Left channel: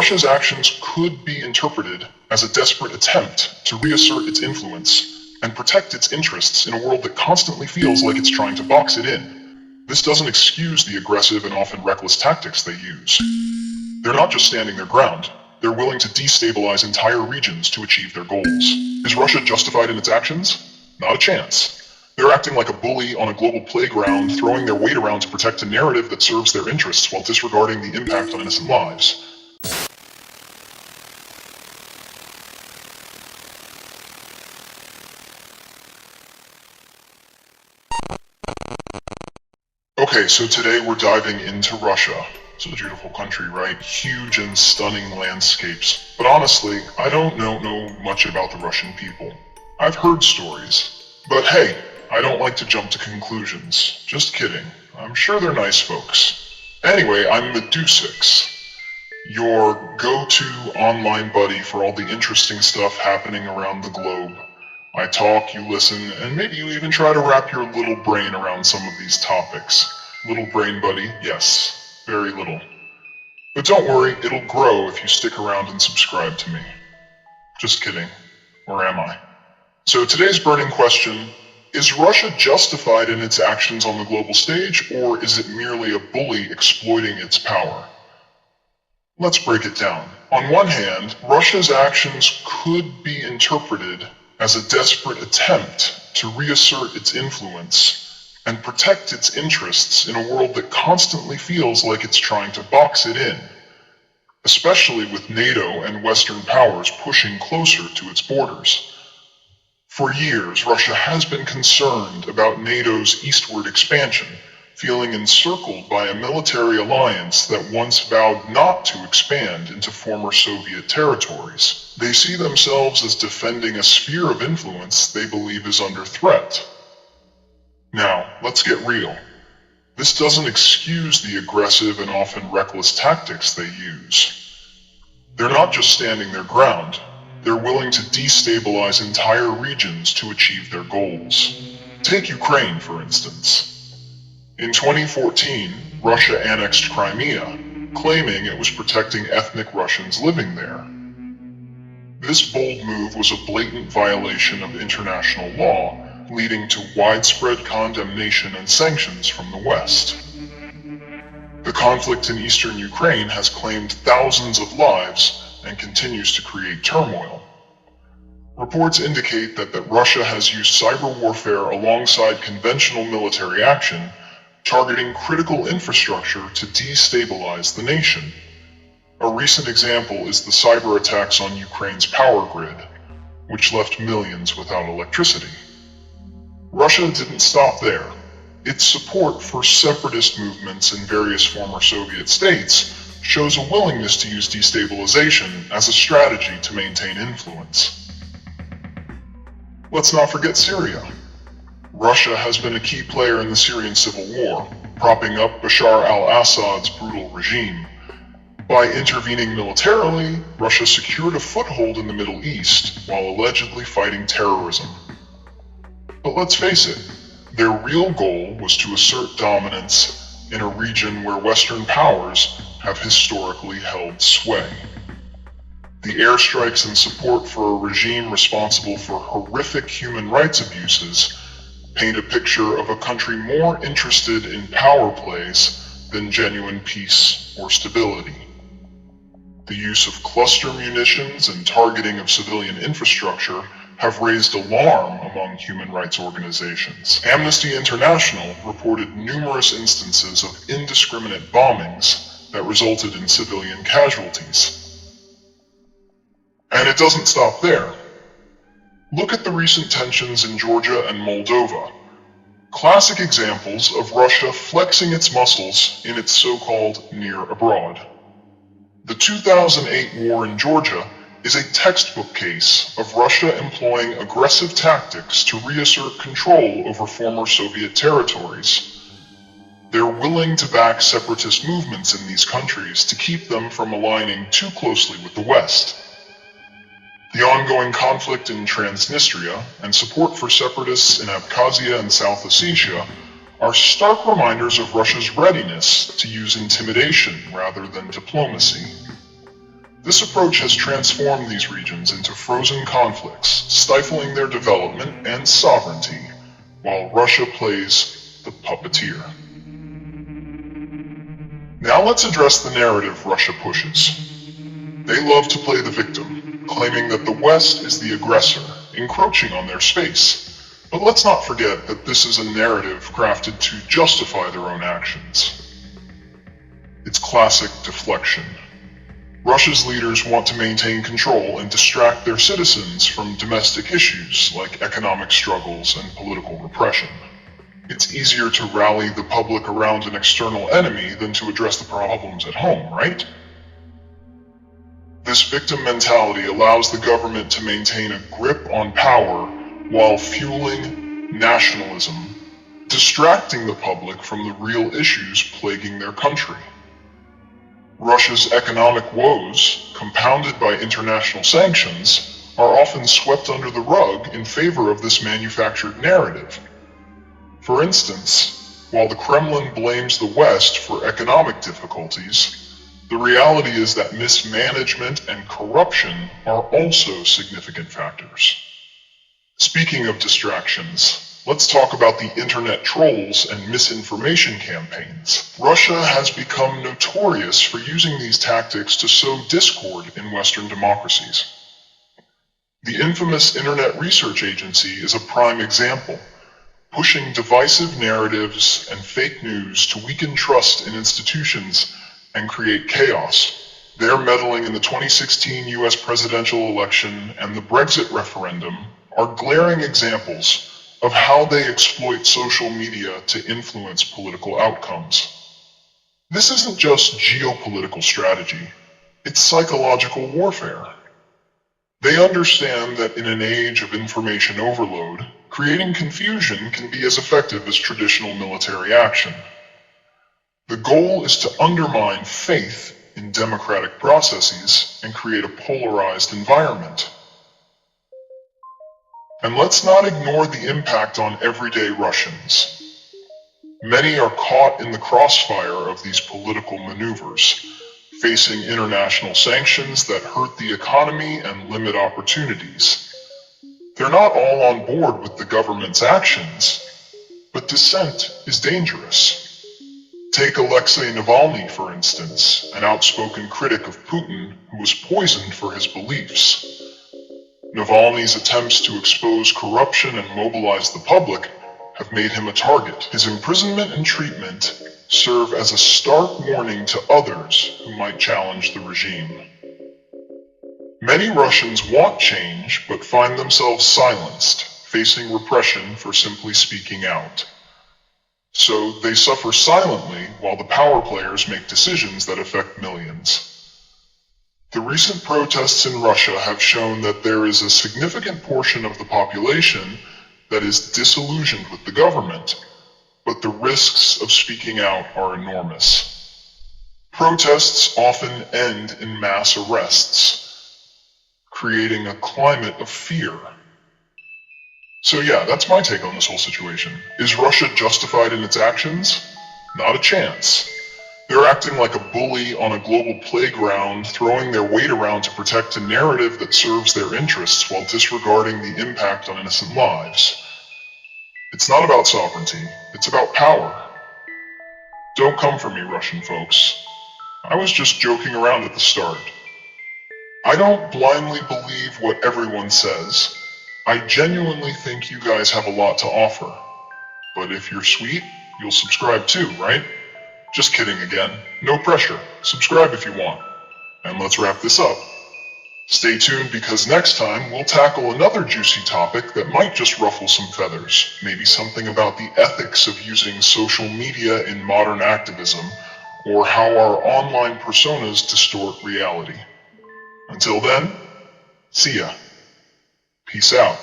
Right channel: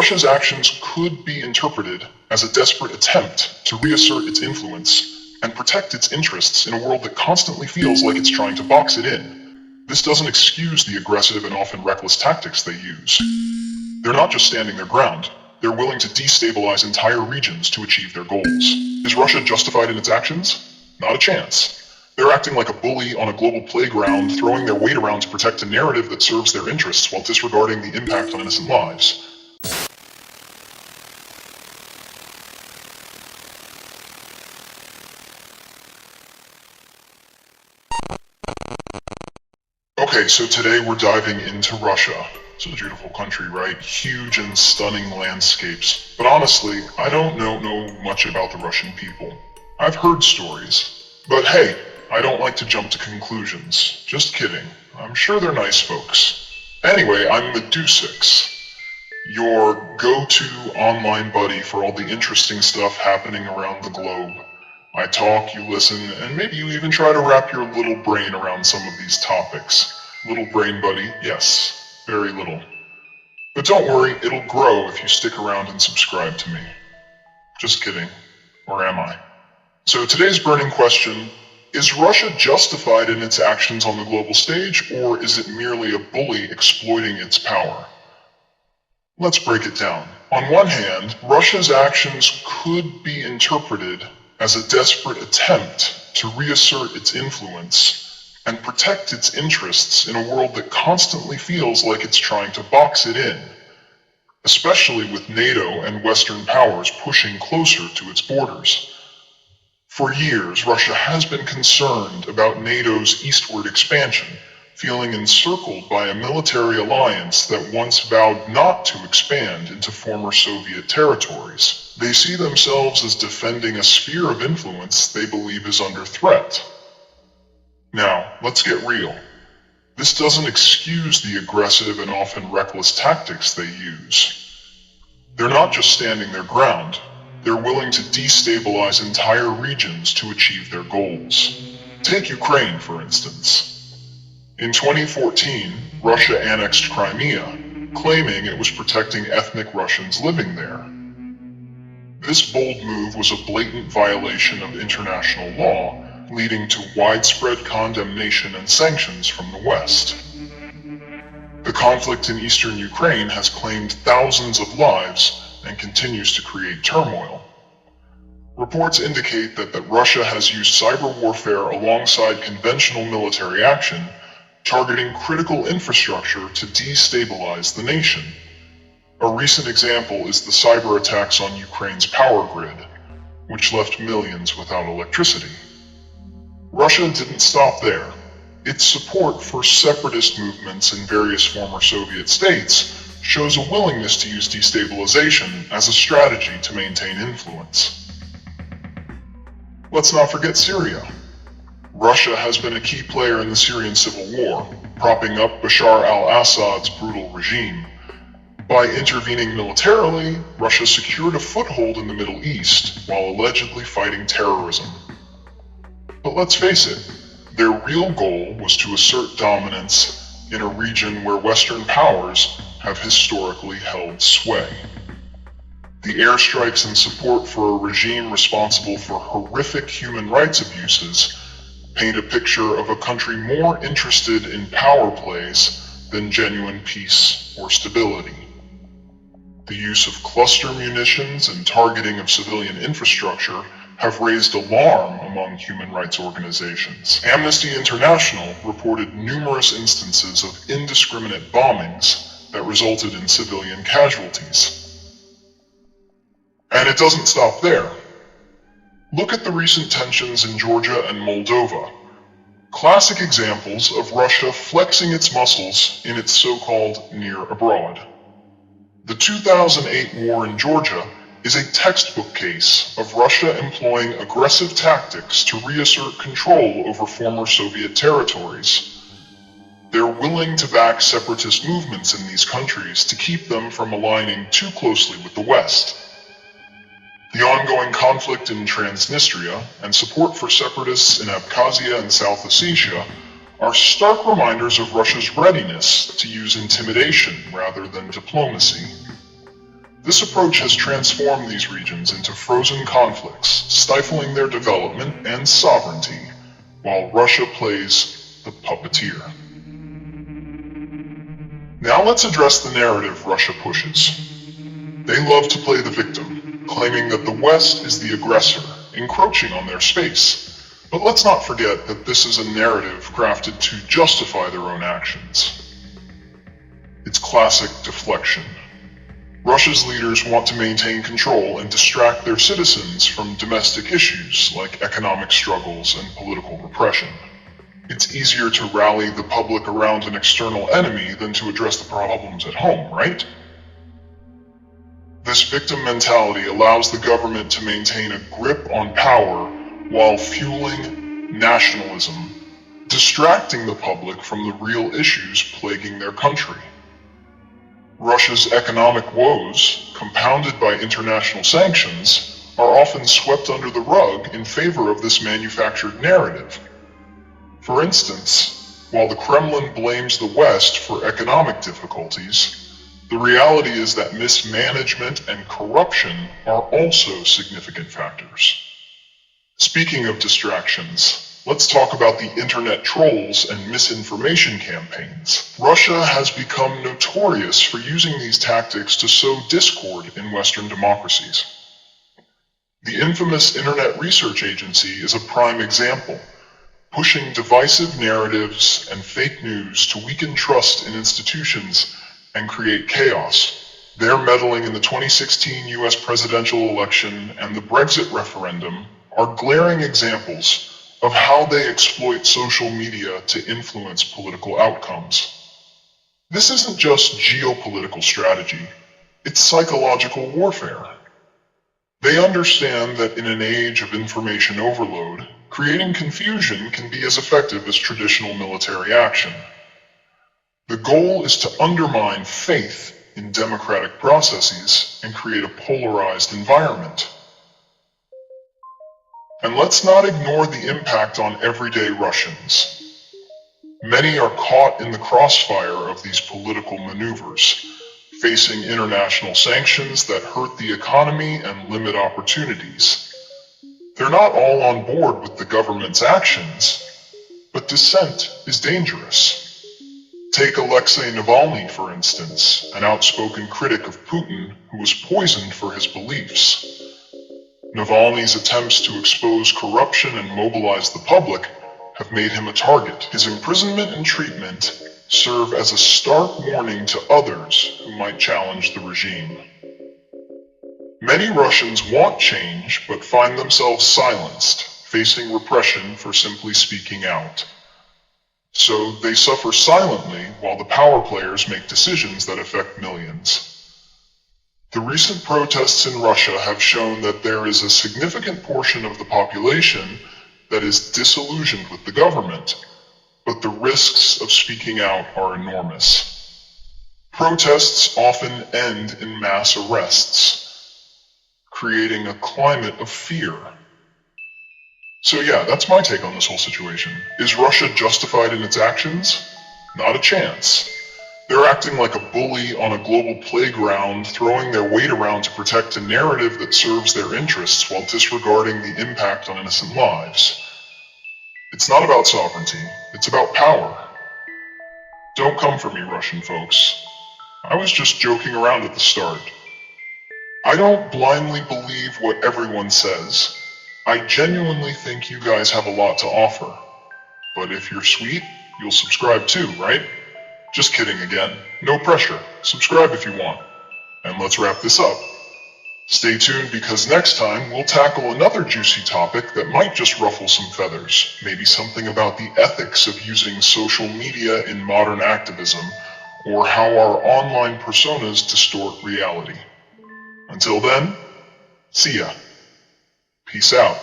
Russia's actions could be interpreted as a desperate attempt to reassert its influence and protect its interests in a world that constantly feels like it's trying to box it in. This doesn't excuse the aggressive and often reckless tactics they use. They're not just standing their ground, they're willing to destabilize entire regions to achieve their goals. Is Russia justified in its actions? Not a chance. They're acting like a bully on a global playground, throwing their weight around to protect a narrative that serves their interests while disregarding the impact on innocent lives. Okay, so today we're diving into Russia. It's a beautiful country, right? Huge and stunning landscapes. But honestly, I don't know much about the Russian people. I've heard stories. But hey, I don't like to jump to conclusions. Just kidding. I'm sure they're nice folks. Anyway, I'm Medusux, your go-to online buddy for all the interesting stuff happening around the globe. I talk, you listen, and maybe you even try to wrap your little brain around some of these topics. Little brain buddy, yes, very little. But don't worry, it'll grow if you stick around and subscribe to me. Just kidding. Or am I? So today's burning question: is Russia justified in its actions on the global stage, or is it merely a bully exploiting its power? Let's break it down. On one hand, Russia's actions could be interpreted as a desperate attempt to reassert its influence and protect its interests in a world that constantly feels like it's trying to box it in, especially with NATO and Western powers pushing closer to its borders. For years, Russia has been concerned about NATO's eastward expansion, feeling encircled by a military alliance that once vowed not to expand into former Soviet territories. They see themselves as defending a sphere of influence they believe is under threat. Now, let's get real. This doesn't excuse the aggressive and often reckless tactics they use. They're not just standing their ground, they're willing to destabilize entire regions to achieve their goals. Take Ukraine, for instance. In 2014, Russia annexed Crimea, claiming it was protecting ethnic Russians living there. This bold move was a blatant violation of international law, leading to widespread condemnation and sanctions from the West. The conflict in eastern Ukraine has claimed thousands of lives and continues to create turmoil. Reports indicate that Russia has used cyber warfare alongside conventional military action, targeting critical infrastructure to destabilize the nation. A recent example is the cyber attacks on Ukraine's power grid, which left millions without electricity. Russia didn't stop there. Its support for separatist movements in various former Soviet states shows a willingness to use destabilization as a strategy to maintain influence. Let's not forget Syria. Russia has been a key player in the Syrian Civil War, propping up Bashar al-Assad's brutal regime. By intervening militarily, Russia secured a foothold in the Middle East while allegedly fighting terrorism. But let's face it, their real goal was to assert dominance in a region where Western powers have historically held sway. The airstrikes and support for a regime responsible for horrific human rights abuses paint a picture of a country more interested in power plays than genuine peace or stability. The use of cluster munitions and targeting of civilian infrastructure have raised alarm among human rights organizations. Amnesty International reported numerous instances of indiscriminate bombings that resulted in civilian casualties. And it doesn't stop there. Look at the recent tensions in Georgia and Moldova. Classic examples of Russia flexing its muscles in its so-called near abroad. The 2008 war in Georgia is a textbook case of Russia employing aggressive tactics to reassert control over former Soviet territories. They're willing to back separatist movements in these countries to keep them from aligning too closely with the West. The ongoing conflict in Transnistria and support for separatists in Abkhazia and South Ossetia are stark reminders of Russia's readiness to use intimidation rather than diplomacy. This approach has transformed these regions into frozen conflicts, stifling their development and sovereignty, while Russia plays the puppeteer. Now let's address the narrative Russia pushes. They love to play the victim, claiming that the West is the aggressor, encroaching on their space. But let's not forget that this is a narrative crafted to justify their own actions. It's classic deflection. Russia's leaders want to maintain control and distract their citizens from domestic issues like economic struggles and political repression. It's easier to rally the public around an external enemy than to address the problems at home, right? This victim mentality allows the government to maintain a grip on power while fueling nationalism, distracting the public from the real issues plaguing their country. Russia's economic woes, compounded by international sanctions, are often swept under the rug in favor of this manufactured narrative. For instance, while the Kremlin blames the West for economic difficulties, the reality is that mismanagement and corruption are also significant factors. Speaking of distractions, let's talk about the internet trolls and misinformation campaigns. Russia has become notorious for using these tactics to sow discord in Western democracies. The infamous Internet Research Agency is a prime example, pushing divisive narratives and fake news to weaken trust in institutions and create chaos. Their meddling in the 2016 US presidential election and the Brexit referendum are glaring examples of how they exploit social media to influence political outcomes. This isn't just geopolitical strategy, it's psychological warfare. They understand that in an age of information overload, creating confusion can be as effective as traditional military action. The goal is to undermine faith in democratic processes and create a polarized environment. And let's not ignore the impact on everyday Russians. Many are caught in the crossfire of these political maneuvers, facing international sanctions that hurt the economy and limit opportunities. They're not all on board with the government's actions, but dissent is dangerous. Take Alexei Navalny, for instance, an outspoken critic of Putin who was poisoned for his beliefs. Navalny's attempts to expose corruption and mobilize the public have made him a target. His imprisonment and treatment serve as a stark warning to others who might challenge the regime. Many Russians want change, but find themselves silenced, facing repression for simply speaking out. So they suffer silently while the power players make decisions that affect millions. The recent protests in Russia have shown that there is a significant portion of the population that is disillusioned with the government, but the risks of speaking out are enormous. Protests often end in mass arrests, creating a climate of fear. So yeah, that's my take on this whole situation. Is Russia justified in its actions? Not a chance. They're acting like a bully on a global playground, throwing their weight around to protect a narrative that serves their interests while disregarding the impact on innocent lives. It's not about sovereignty, it's about power. Don't come for me, Russian folks. I was just joking around at the start. I don't blindly believe what everyone says. I genuinely think you guys have a lot to offer. But if you're sweet, you'll subscribe too, right? Just kidding again. No pressure. Subscribe if you want. And let's wrap this up. Stay tuned because next time we'll tackle another juicy topic that might just ruffle some feathers. Maybe something about the ethics of using social media in modern activism, or how our online personas distort reality. Until then, see ya. Peace out.